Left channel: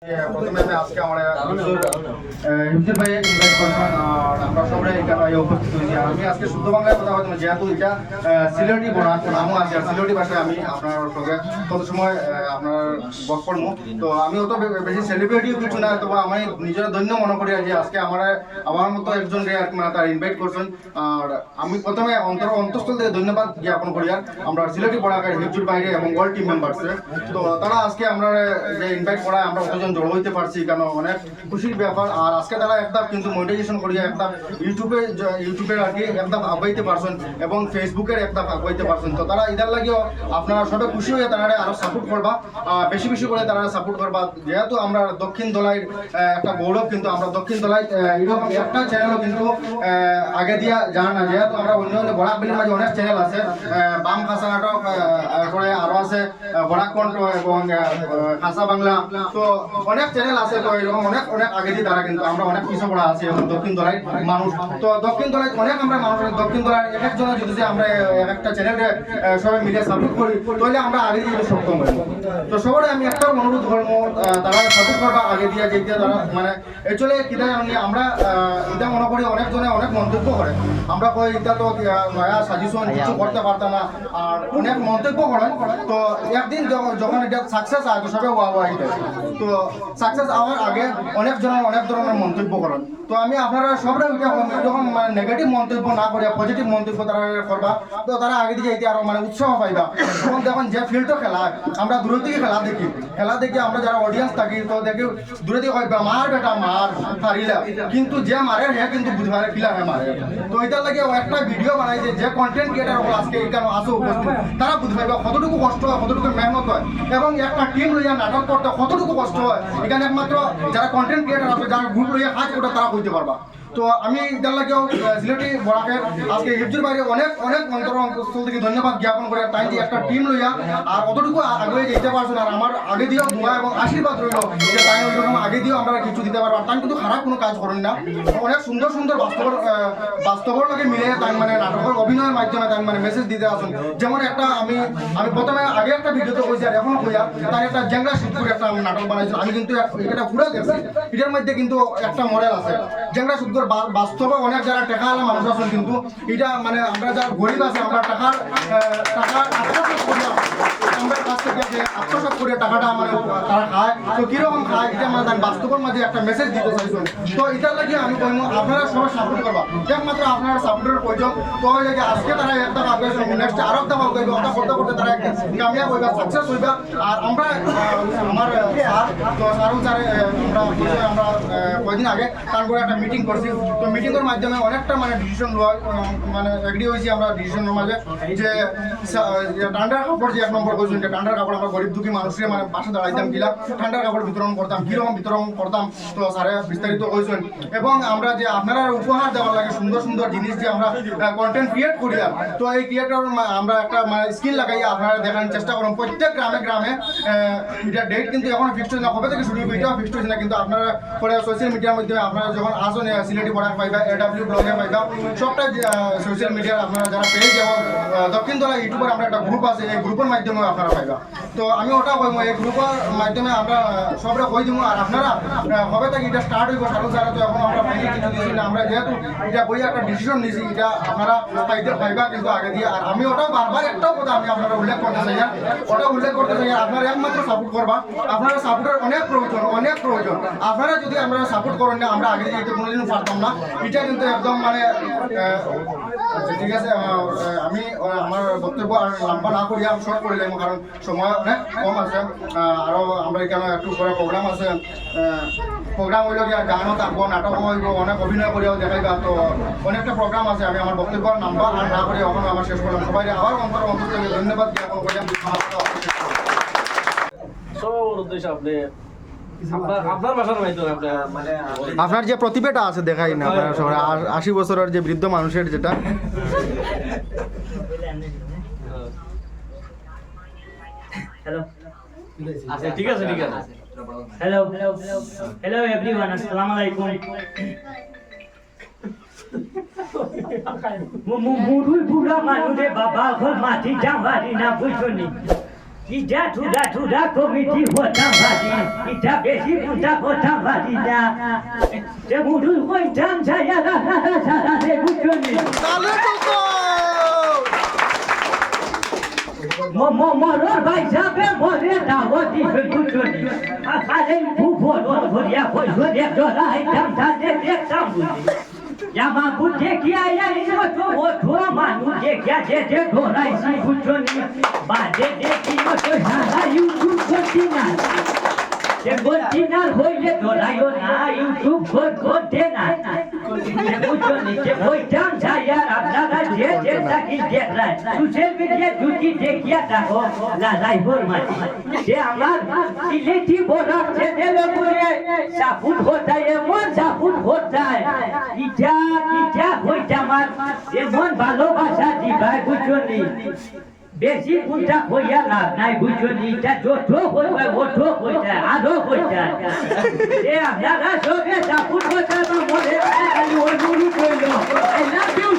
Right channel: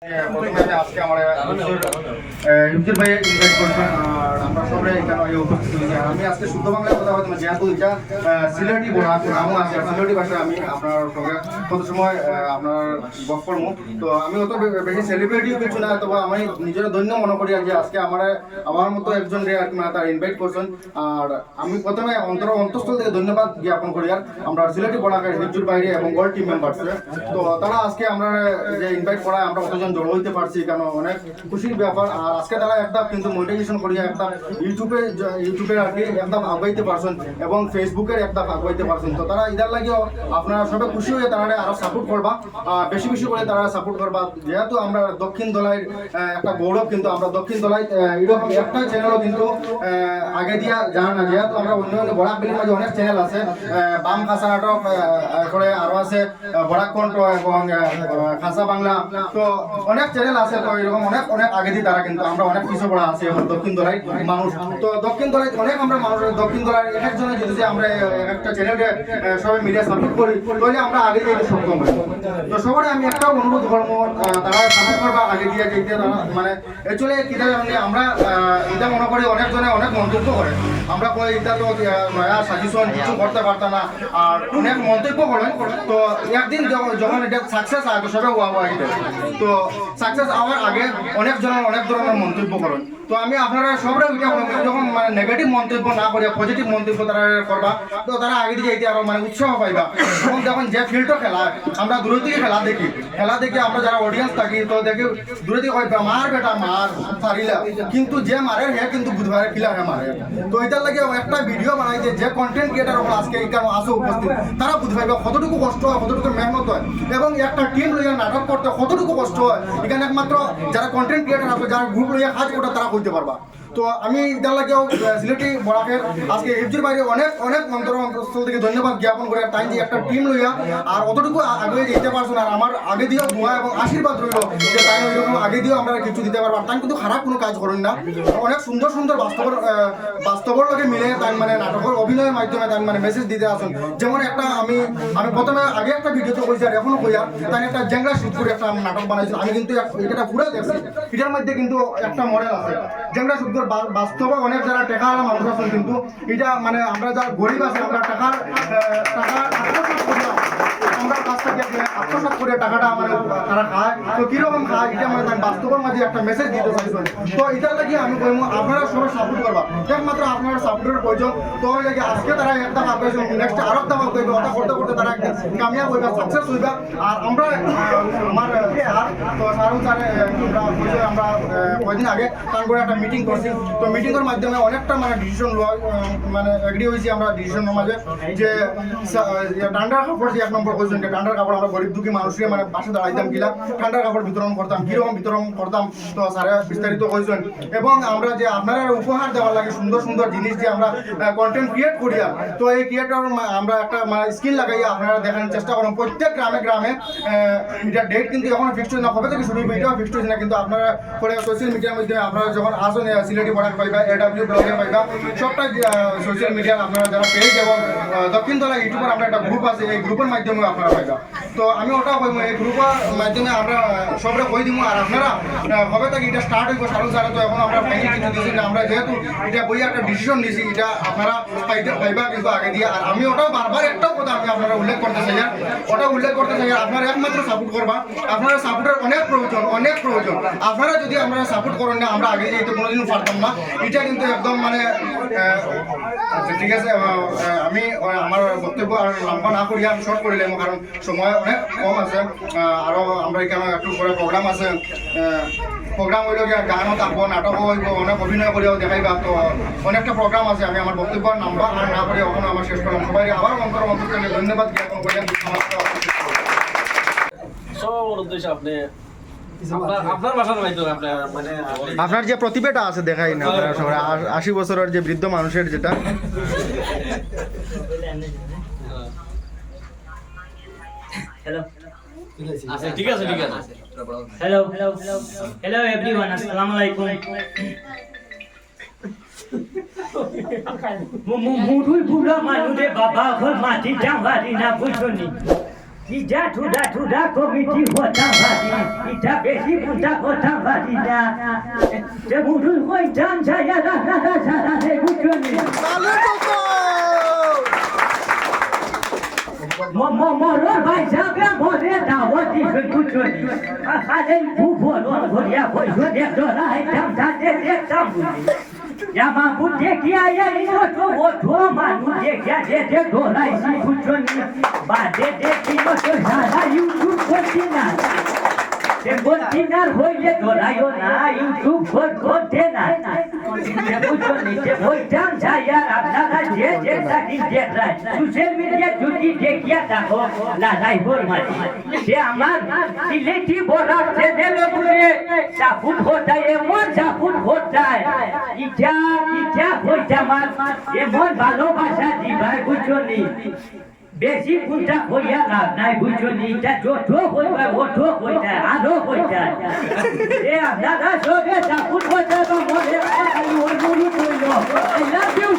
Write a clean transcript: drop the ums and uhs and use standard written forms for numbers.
প্রথমে আমি আজকে আমার হিমসির ভাই ইনভাইট করছেন আর আমরা সবাই এখানে উপস্থিত হয়েছি। আমি আজকে শুদ্ধ বাংলায় কথা বলছি, যেহেতু এটা সিলেটি বোনাস নামও আছে আর সিলেটি ভাষায় আমি আপনার সঙ্গে কত সময় আপনার বক করবো। তো আমি অত বেশি সেলিব্রিটিও কিছু না, তবে আমি নিজের ধন্য মনে করি যে আজকে আমার মতো একজন রে আর কি মানে তারা ইনভাইট করছেন। আর আমি প্রথমে অন্তঃস্থল থেকে ধন্যবাদ জ্ঞাপন করি আর আমরা সিলেটি বোনাকের হিমসুর বাইরে এবং অল টিম মেম্বার্সে। তো তারা আজকে আমরা যে ইনভাইট করায় আমরা কতজন জড়ো হইতে পারছি, কারণ অনেক খুশির ব্যাপার। আর আজকে তারা একটা কিন্তু মনিটাইজেশন করিয়া একটা ইউটিউবের আর কি একটা আগাইতে পারছেন এবং ফেসবুকের একটা আগাইতে পারছেন। তো তারা ইদার লাগিও আপনারা সবাই খুশি হয়ে তারা আরো সাপোর্ট করবা, বেশি বেশি করে তারা সাপোর্ট করবা। যেহেতু আমরা দক্ষিণ দলাইয়ের একটা গৌরব, কিন্তু আমরা দক্ষিণ দলাই এরকম একটা চ্যানেলও কিন্তু আগে দিয়া জানা না। যেহেতু আমরা অন্য অন্য বরাকবেলির মাঝে অনেক চ্যানেল আছে, বাম খাসা নাটক করে আরো আছে বরাক কণ্ঠ এবং খাসা বাংলা, তো অনেক চ্যানেল আছে। তো এরকম অনেক অনেক আগে দিয়ে তারা কিন্তু আমরা অনেক পিছিয়ে পড়া আছি এখন দক্ষিণ দলাই মানুষ। তো দক্ষিণ দলাই অনেক আমরা মানুষ দক্ষিণ দলাই এক একজনে যদি আমরা একটা চ্যানেলে সবাই মিলে সাপোর্ট করি তাহলে আমরা আগে দিয়ে সক্ষম হই। তো সবাই আমি একটা অনুরোধ করবো, তারা সাপোর্ট করবা আগে দিয়ে যেতে। তারা মানে অ্যাকচুয়ালি কিনা জানি আমরা এটা মনে করি অনেকজনে অনেক মন্তব্য করে, আমরা কই এটা তো নয়া সাজেশন কিছু করতে পারতাম না আর অনেক মন্তব্য করেন। তো একদিন যখন এটা সাকসেস হয় তো সবাই ওয়া এটা, তো সাকসেস হওয়ার আগে অনেক জনের অনেক ধরনের মন্তব্য করেন। তো আমি আপনারা সবরা যখন মানে নেগেটিভ মন্তব্য না করিয়া পজিটিভ মন্তব্য তারা করবা, তো তারা আগে দিকে এটি আরো মানে উৎসাহ পাইবা। এবং যখন যে ফিল্ডও খেলা আমরা দূরে থেকে খেলা দেখি আমরা যারা অডিয়েন্স থাকি, তো দেখি দূরে থেকে হয় মার বেটা মার পারিলা, কিন্তু যে মারে হে কিন্তু বুধবারে খিলা হে মারে। তো এটার লাগে একটা ভিডিও বানাই যে কন্টেন্ট ক্রিয়েটার ওগুলো আজকে এখানে আসো উপস্থিত, তারা বুঝবাইবা কতটুকু কষ্ট হয়, কতটুকু মেহনত হয় এবং একটা টিম লইয়া নাটক করতে কতটুকু কষ্ট হয়। এখানে একমাত্র যারা কন্টেন্ট ক্রিয়েটার আছে, যারা গ্রুপ লইয়া কাজ করে তারা করতে পারবা। তো আমি এটার লাগেও সিলেটি বরাকের আজকে হিফজুর বাইরে অনেক অনেক অন্তঃস্থল থেকে ধন্যবাদ জ্ঞাপন করে তাই যে একটা টিম লইয়া আর অতটুকু আগে যেতে পারছো না। আর আমার আগে দিয়েও দোয়া এবং আশীর্বাদ রইল যে তাই ওইরকম আগে দিয়েও আমরা কিছু দিতে পারবো। তাই কিন্তু খারাপ কোনো কাজ করেন না, অনেক সুন্দর সুন্দর বাস্তবর লগে মিলে তাই মানে নাটকের অভিনয়ের মাধ্যমে তাই মানে মেসেজ দিতে আসুন। যেমন একটা আমি প্রথমে আগে একটা ভিডিওতে কইছি আর এখনো কইয়া তাই একটা জেংরা শুট করে একটা নাটক বানাইছিল। আমি কিন্তু এটা পুরো দেখছি, এটার মধ্যে কিন্তু একটা মডেল আছে জেংরা শুট বাস্তবে অনেক যারা টাকা আলা মানুষ আছেন, কিন্তু এটা মানে আমরা যারা গরিব আছে আমরা টাকার আত্মসাৎ করি, আমরা কাছ থেকে আত্মসাৎ করে টাকাটা মানে তারা খায়। তো কিরকম খায় এটা মানে তার বাস্তবের মাঝে একটা মেসেজ দিতে চাইছেন। তো এটার লাগে আমি কইমু আপনারা সবাই সাপোর্ট করবা, একমাত্র আপনারা সাপোর্টের প্রয়োজন। তো লাগে আজকে তারা একটা ভাববে নেক্সট আরো একটা ভাব করবে, ওটা করতে করতে তারা একদিন কামিয়াব হইবা, সাকসেস হইবা। আর আমরা আমার স্যার তো স্যারে আমরা কয়েকদিন আগে তারপরে একটা মিটিং করছি। তো মিটিংয়ের মাধ্যমে অনেকটা মানে ডিসিশন লওয়া মানে এগ্রি হয়েছি আমরা ডিসিশনের মাঝে যে ঠান্ডার কাপড় যে এক নম্বর হয়েছে, ঠান্ডার কাপড় আমরা গরিব দুঃখী মানুষের মানে পাশে দাঁড়াইতাম কিলা ঠান্ডার কাপড় বিতরণ করতাম, কিরকম বিতরণ করতাম। তো স্যারে বিস্তারিত হয়েছেন এবং আমরা যে আপনারা উপহার দেওয়ার লাগে সুন্দর সুন্দর জিনিস যে আমরা কন্টেন্ট ক্রিয়েট করি, তো এই ক্রিয়েটর আমরা একটা স্কিল লাগাইয়া আপনারা দেখানোর চেষ্টা করুন প্রত্যেক গ্রামে গ্রামে। এটা ডেট কিন্তু এখনো ফিক্সড হয়েছে না, কবে থেকে শুরু হবে এটাও ফিক্সড হয়েছে না, কিন্তু আপনারা পরে সোশ্যাল মিডিয়ার মাধ্যমে আপনারা যখন আসুন সিলেটি বরাক পাইবা, AW ব্লগে পাইবা, সবটা সোশ্যাল মিডিয়ার আপনারা যারা পেজ এবং দক্ষিণ দলা ইউটিউবার আমরা একটা গ্রুপ আছে, এই গ্রুপের মাধ্যমে আপনারা পাইবা। তো আমি ওটা কইব এই গ্রুপের মাধ্যমে আমরা সবটা কই দিব। আর আপনারা কবে থেকে এটা স্টার্ট হইব সারু জানা, তো এখন আমরা ফাইনাল কিছু দিচ্ছি না, আমরা যেহেতু এটা বই একটা ডিসিশন নিয়েছি এটা আপনারা পাইবা কিন্তু আগে দিয়ে। আর আমি ওটাও বারবার একটাও কথা আমি আপনারা উল্লেখ করতে চাই, আপনারা একমাত্র সাপোর্ট করবা। আপনারা সাপোর্টের অনেক প্রয়োজন। আপনারা যদি আপনারা সাপোর্ট করেন না আমরা আগে যেতে কোনোদিনও পারতাম না। এটা কিন্তু একদম মানে ঠিক আছে। আমি আমার বক্তব্য আর লম্বা না করি আমি শর্ট করিলাম, কারণ সময় অনেক কম আছে। আরও আমরা এখানে একটু পরে প্রোগ্রাম আছে, প্রোগ্রাম হইল গিয়ে গানও থাকবো, নাটকও হইব, অনেক অভিনয় করিয়াও দেখাইবা। তো অনেকটা প্রোগ্রাম আছে, আমি আমার বক্তব্য নাম্বার আর না করে এখন আমার শেষ করলাম। সবাই আবার অন্তরকে ধন্যবাদ জ্ঞাপন করলাম। আপনার যে প্রতিভাটা আছে দেখাই না আপনার সবাই 80 বছরের যে বৃদ্ধ মানুষের যেটা ঠিক আছে হ্যালো এভরিওয়ান, আসসালামু আলাইকুম। মুরুই বুড়া মানুষে বাবা ঘর মাটি জামারি না বুঝনি ইটা ঠুডা কমিটি হতাম ভাজি ইটা বেশি পুঁতা হতাম ভাজি না যে মুডুল হইতাম ছায়া সারা সে বুঝনি মরর ভাই যাবে মরে দাওয়াতি বুঝনি আখালে ফুফল ভরিয়া পয়সা দে ডলাই দাম দেখতাম বুঝি Yama buddhe kiya ya oto manu dekya de dorai si buchoni ba de ki oto sara YouTube kontina ke kontina hoye dorayo na YouTube kontina ke buchoni ke hoitam jaya apnara je taki dekra social media juti dekya ta ho la rai hormai je amar sileti borar channel pure saput hota hai emon saput hota hai ইটা হইতে আমার এমন ভালোবাসা দিবাই বুঝলি বেশি পুঁটা হইয়া লাভ নাই বুঝলি এটা যত হইবে ওঠো হইতে আরো হইতে এ আপনারা সবে সাপুট হইতে বা মরে অনুরোধ হইল আই লাভ ইউ